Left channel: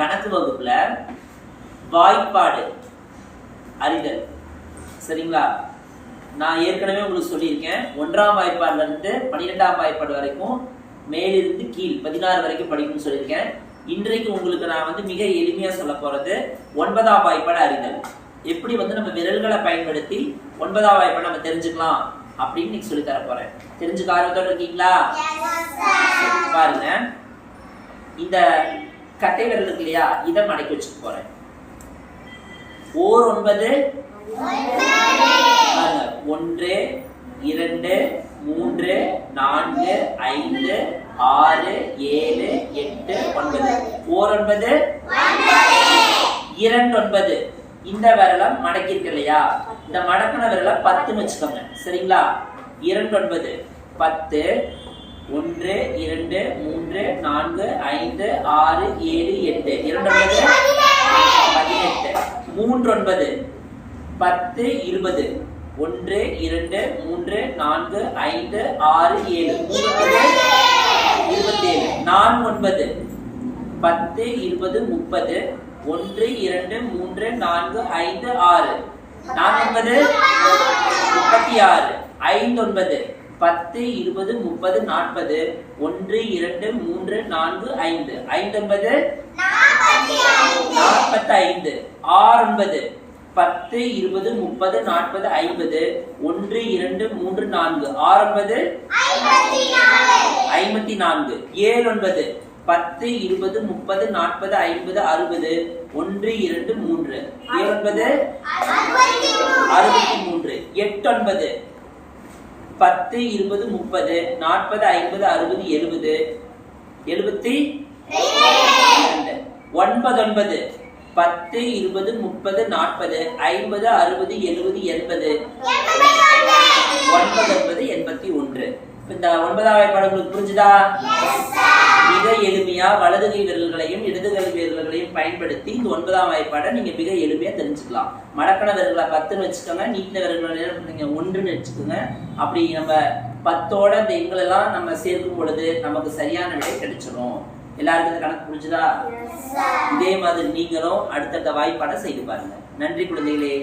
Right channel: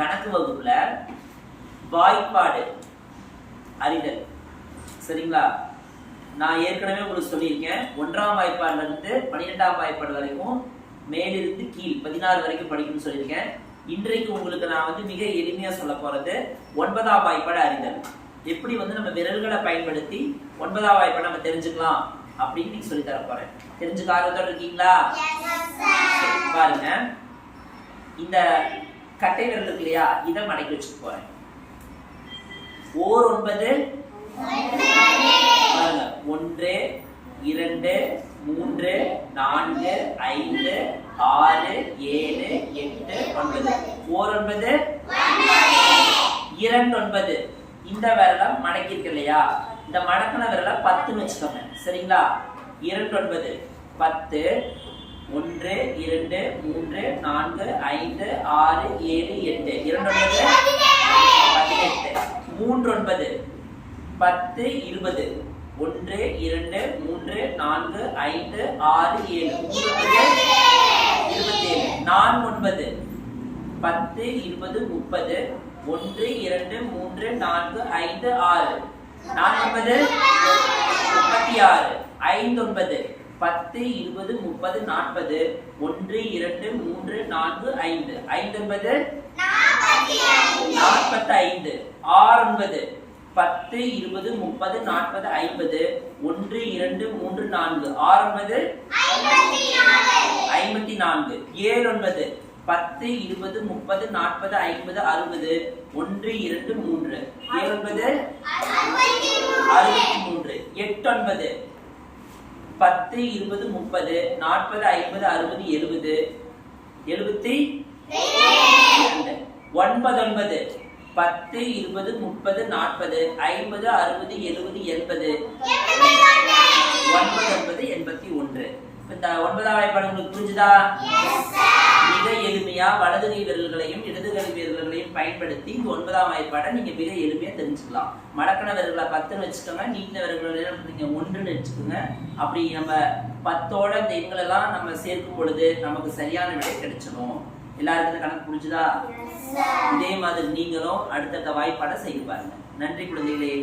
கணக்கு வகுப்புல வாய்ப்பாடு அறிதல். சரிங்களா? நான் ஏற்கனவே உங்களுக்கு சொல்லியிருக்கேன், 1ஆம் வாய்ப்பாடுல இருந்து 12ஆம் வாய்ப்பாடு வரைக்கும் மேலிருந்து கீழ் 16 வரைக்கும் படிக்கணும்னு சொல்லியிருக்கேன். இன்றைக்கு உங்களுக்கு நான் மிக எளிமையா சொல்ல போறது 9ஆம் வாய்ப்பாடு அறிதல். எப்படி நம்ம விரல்களை பயன்படுத்தி 9ஆம் வாய்ப்பாடு நம்ம தெரிஞ்சுக்கலாம் அப்படின்னு நீங்க சொல்லி தர போறேன். தெரிஞ்சுக்க ஆர்வத்தோட இருக்கீங்களா? பாருங்க, இந்த கட்டை விரல் இருக்கு இல்லையா, இதை மடக்கி வச்சுக்க போறேன். ஓர் 9 பாருங்க, 1 2 3 4 5 6 7 8 9. ஓர் 9 2 9. இந்த விரலை மடக்கி இருக்கு இல்லையா, இந்த மடக்கின விரலை 10ன்னு வச்சுக்கோங்க. சரிங்களா? 2 9 10. 1 2 3 4 5 6 7 8. 2 9 18. 3 9 10 20. 1 2 3 4 5 6 7. 27. 4 9 10 20 30. 1 2 3 4 5 6. 4 9 36. 5 9 10 20 30 40. 1 2 3 4 5. 5 9 45. 6 9 10 20 30 40 50. 1 2 3 4. 6 9 54. 7 9 10 20 30 40 50 60. 1 2 3. 7 9 63. 8 9 10 20 30 40 50 60 70. 72. 9 9 10 20 30 40 50 60 70 80. 9 81. இந்த 9ஆம் வாய்ப்பாடு உங்களுக்கு புரிஞ்சுதா? மிக எளிமையா வலது கை விரல்களையும் இடது கை விரல்களையும் பயன்படுத்தி இந்த 9ஆம் வாய்ப்பாடை நீங்க மிக எளிமையா தெரிஞ்சுக்கலாம். மடக்கண விரல்களை 10ன்னு வச்சுக்கோங்க, நீட்டின விரல்களை நீங்க 1ன்னு வச்சுக்கோங்க. அப்படி நம்ம 10ஓட இந்த எண்களெல்லாம் நம்ம சேர்க்கும் பொழுது நமக்கு சரியான விடை கிடைச்சிடும். எல்லாருக்கும் இந்த கணக்கு புரிஞ்சுதா? இதே மாதிரி நீங்களும் அடுத்தடுத்த வாய்ப்பாடை செய்து பாருங்க. நன்றி குழந்தைகளே.